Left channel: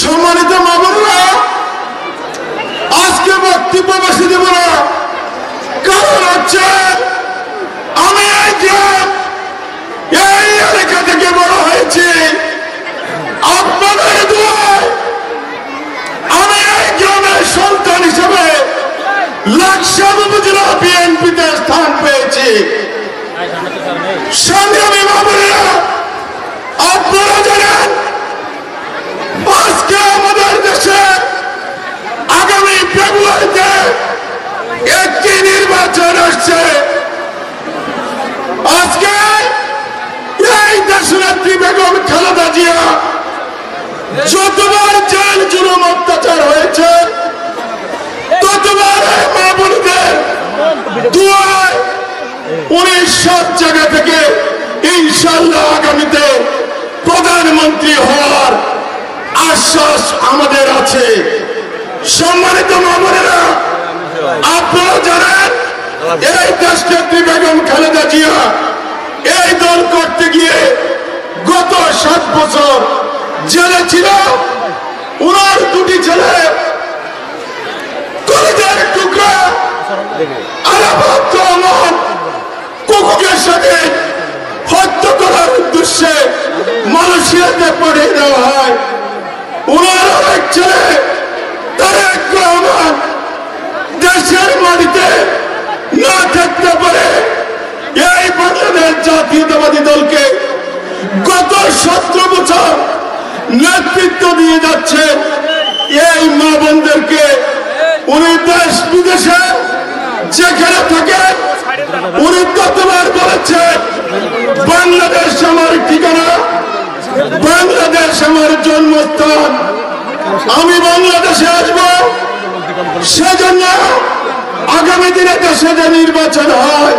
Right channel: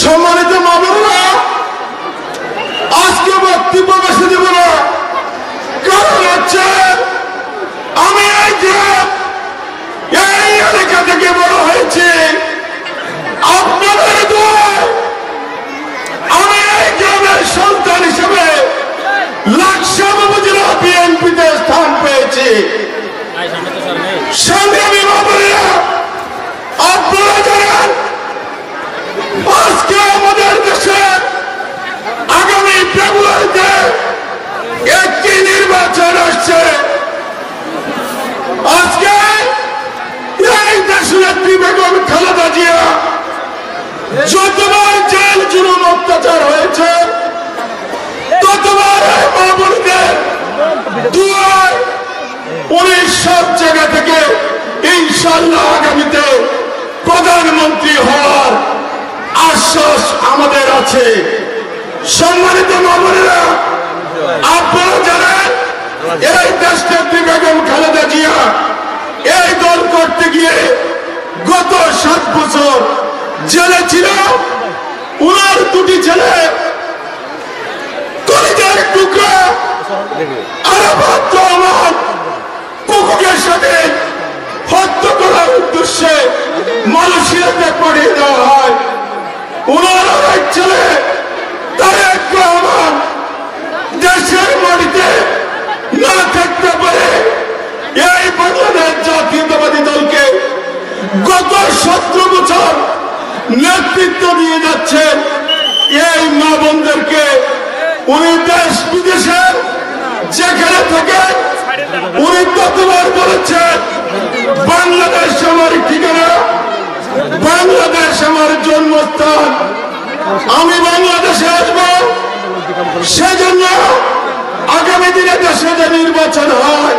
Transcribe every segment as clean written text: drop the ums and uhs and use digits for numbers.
সম্মানিত মা বোনেরা, আজকে বক্তব্য বেশি দেব না, কারণ হচ্ছে আমি এই এলাকা থেকে বড় হয়েছি। আপনাদের দোয়ায় আমি এই গ্রামের সন্তান হিসেবে লাকসাম উপজেলা বিএনপিতে স্থান পেয়েছি। সংগ্রামী মা বোনেরা, আপনারা জানেন আজকে আমাদের দেশে আগামী ফেব্রুয়ারিতে একটি নির্বাচন আসছে। আজকে এই দেশনেত্রী বেগম খালেদা জিয়া যতবার জেল জুলুম অত্যাচার হয়েছে, ততবার মা বোনদের দুয়ায় উনি সব জায়গা থেকে ইনশাল্লাহ আগামীতে প্রধানমন্ত্রী হওয়ার আশ্বাস আমাদের আছে। সম্মানিত মা বোনেরা, আপনারা জানেন এই দেশনেত্রী বেগম খালেদা জিয়া এই দল করতে গিয়ে গত 7 বছর জেলে ছিল। উনার 2টি ছেলে কলিজার টুকরা কুকুরের সাথে হত্যা করার উদ্দেশ্যে মালয়েশিয়াতে পাঠিয়ে দেওয়া হয়। উনার এক ছেলে তারেক রহমান দেশের মাটিতে না থাকতে পারে এই বাংলাদেশ জাতীয়তাবাদী দলকে গত 17 বছর নেতৃত্ব দিয়ে যাচ্ছে। এই মা বোনদেরকে উনি দেশ বিদেশে যেখানে থাকেন উনি ততবার বলেছেন বাংলাদেশ আমার ঠিকানা, বাংলাদেশ আমার জন্মস্থান, আমি বাংলাদেশে আসব। সেজন্য আগামী দিনে দেশে যে নির্বাচন হয়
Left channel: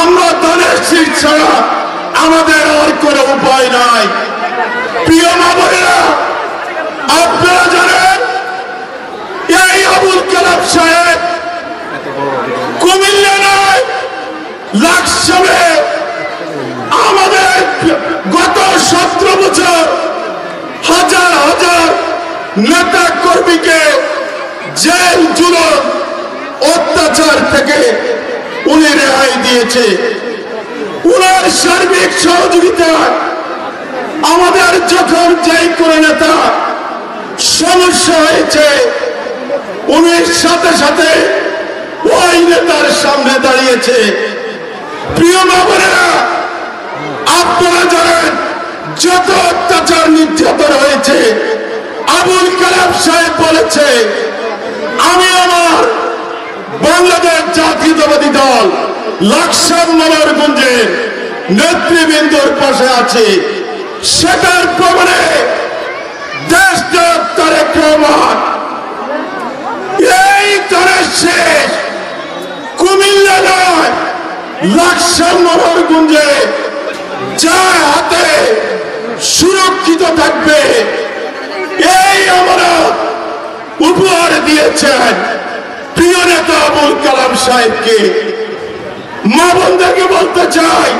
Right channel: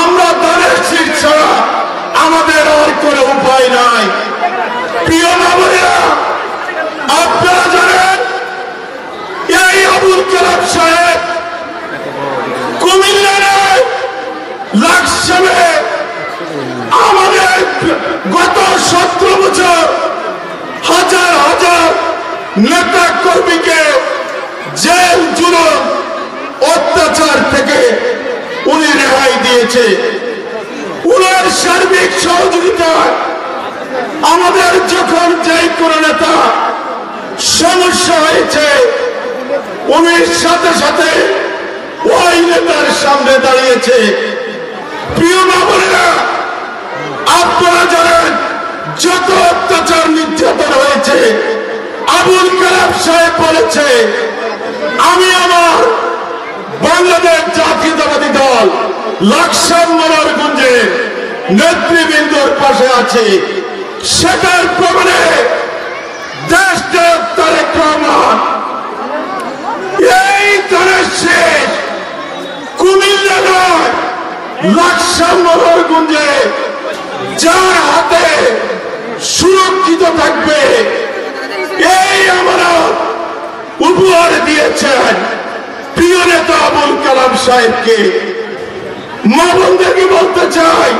আমরা দলের শীত ছাড়া আমাদের আর কোনো উপায় নাই। প্রিয় মা বোনেরা, আপনারা জানেন এই আবুল কালাম সাহেব কুমিল্লা নয় লাকসামে আমাদের গত 17 বছর হাজার হাজার নেতা কর্মীকে জেল জুলুম অত্যাচার থেকে উনি রেহাই দিয়েছে। উনার সার্বিক সহযোগিতায় আমাদের যখন যেই কোনো নেতা সমস্যা হয়েছে উনি সাথে সাথে ওই নেতার সামনে দাঁড়িয়েছে। প্রিয় মা বোনেরা, আপনারা জানেন যত অত্যাচার নির্যাতন হয়েছে আবুল কালাম সাহেব বলেছে আমি আমার বাংলাদেশ জাতীয়তাবাদী দল লাকসাম মনোরগঞ্জে নেতৃবৃন্দর পাশে আছে। সেটার প্রমাণে দেশ তারেক রহমান এই দলের শেষ কুমিল্লা নয় লাকসাম মনোরগঞ্জে যার হাতে সুরক্ষিত থাকবে এই আমরা উপহার দিয়েছেন প্রিয় নেতা আবুল কালাম সাহেবকে। মা বোনদেরকে বলতে চাই,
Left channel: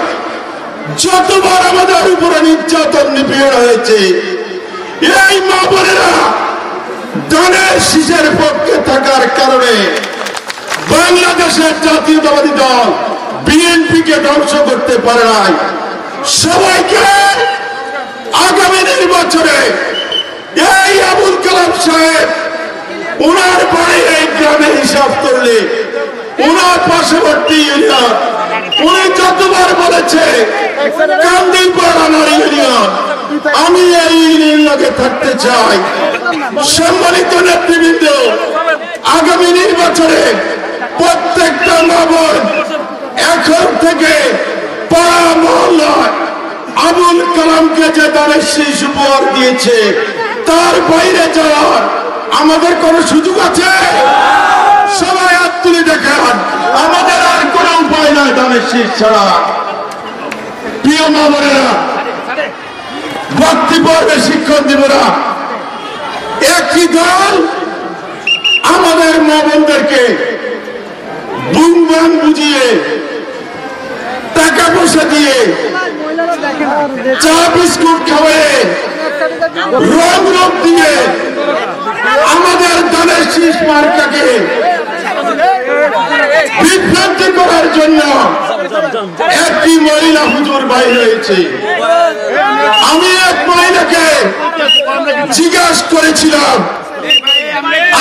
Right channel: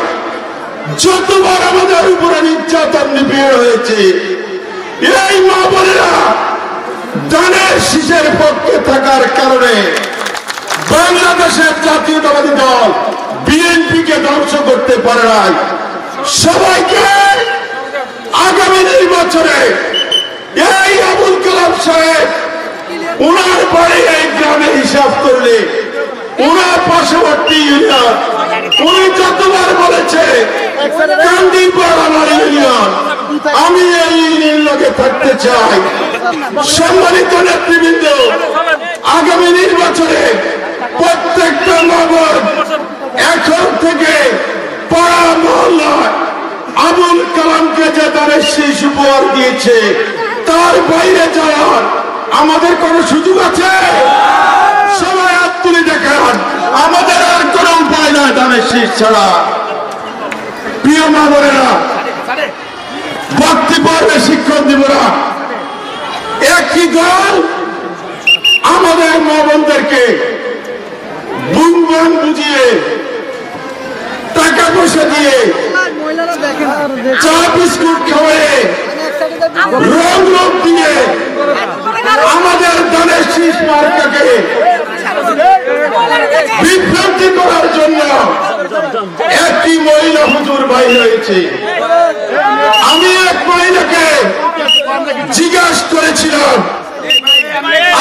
যতবার আমাদের উপরে নির্যাতন নিপীড়ন হয়েছে এই মা বোনেরা ডানের শীষের পক্ষে থাকার কারণে বাংলাদেশের জাতীয়তাবাদী দল বিএনপিকে ধ্বংস করতে পারে নাই। সবাইকে আগামী নির্বাচনে এই আবুল কালাম সাহেব উনার বাড়ি এই গ্রামে হিসাব করলে উনার পার্শ্ববর্তী ইউনিয়ন উনি যতবার বলেছে কান্দিপাড়া ইউনিয়ন, আমি এই ইউনিয়নকে থাকতে চাই। সম্মানিত নেতৃবৃন্দ, আগামী নির্বাচনে প্রত্যেকটা মা বোন এখন থেকে পাড়া মহল্লায় আবুল কালামকে যে দলের শীষ উপহার দিয়েছে তার বাইরে যাওয়ার আমাদের কোন সুযোগ আছে? সবাই হাত তুলে দেখান, আমাদের আর কোন উপায় নয় দলের শীষ ছাড়া। প্রিয় মা বোনেরা, বক্তব্যে শিক্ষণ দিব না। একটি দল আমাদের মা বোনদেরকে বুম বাম বুঝিয়ে টাকা পয়সা দিয়ে চা বিস্কুট খাওয়ায়ে রোগ রোগ দিয়ে শীষ মার্কাকে বিভ্রান্ত করার জন্য একটি মহিলা হুজুর বাইর হয়েছে। আমি এক মহিলাকে জিজ্ঞাসা করেছিলাম,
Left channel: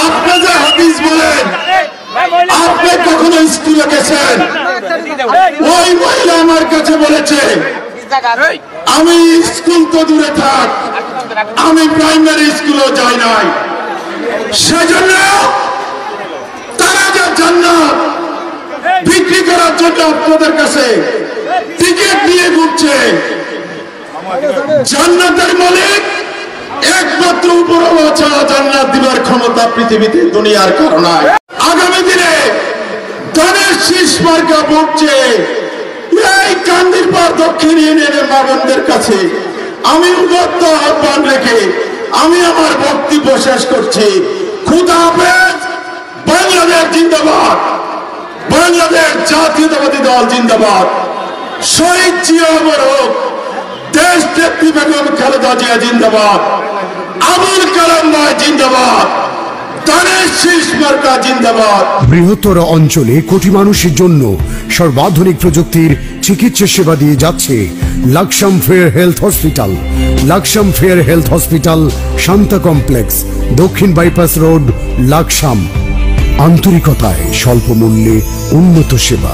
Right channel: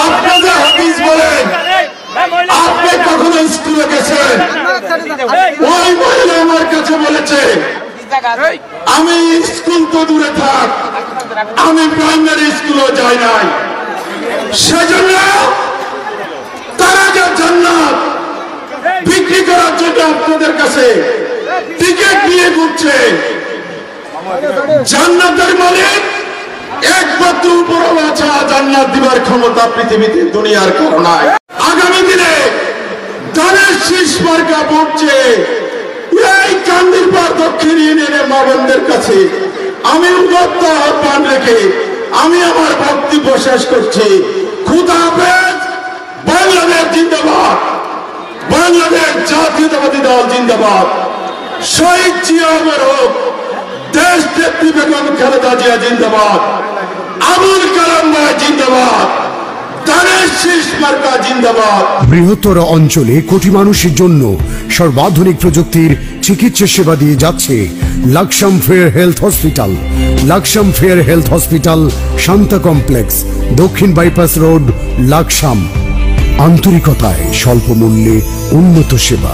আপনাদের হাদিস বলেন আপনি কখনো স্কুলে গেছেন? ওই মহিলা আমার কাছে বলেছে, আমি স্কুল তো দূরে থাক, আমি প্রাইমারি স্কুলেও যাই নাই। সেজন্য তারা যে জান্নাত বিক্রি করার জন্য আপনাদের কাছে টিকিট নিয়ে ঘুরছে, জান্নাতের মালিক একমাত্র উপরওয়ালা ছাড়া জান্নাত দিবার ক্ষমতা পৃথিবীতে দুনিয়ার কারো নাই। আগামী দিনে ধানের শীষ মার্কা পড়ছে এই কান্দিরপাড় দক্ষিণ ইউনিয়নের মা বোনদের কাছে আমি উদাত্ত আহ্বান রেখে আমি আমার বক্তব্য শেষ করছি। খুদা হাফেজ। বাংলাদেশ জিন্দাবাদ, বাংলাদেশ জাতীয়তাবাদী দল জিন্দাবাদ, শহীদ জিয়া অমর হোক, দেশ নেত্রী বেগম খালেদা জিয়া জিন্দাবাদ, আবুল কালাম ভাই জিন্দাবাদ, ধানের শীষ মার্কা জিন্দাবাদ। বৃহত্তর অঞ্চলে কোটি মানুষের জন্য সর্বাধুনিক প্রযুক্তির চিকিৎসা সেবা দিয়ে যাচ্ছে Laksam fair health hospital. Laksam fair health hospital, Shanta complex, দক্ষিণ বাইপাস রোড, লাকসাম। আন্তরিকতায় স্বল্প মূল্যে উন্নত সেবা।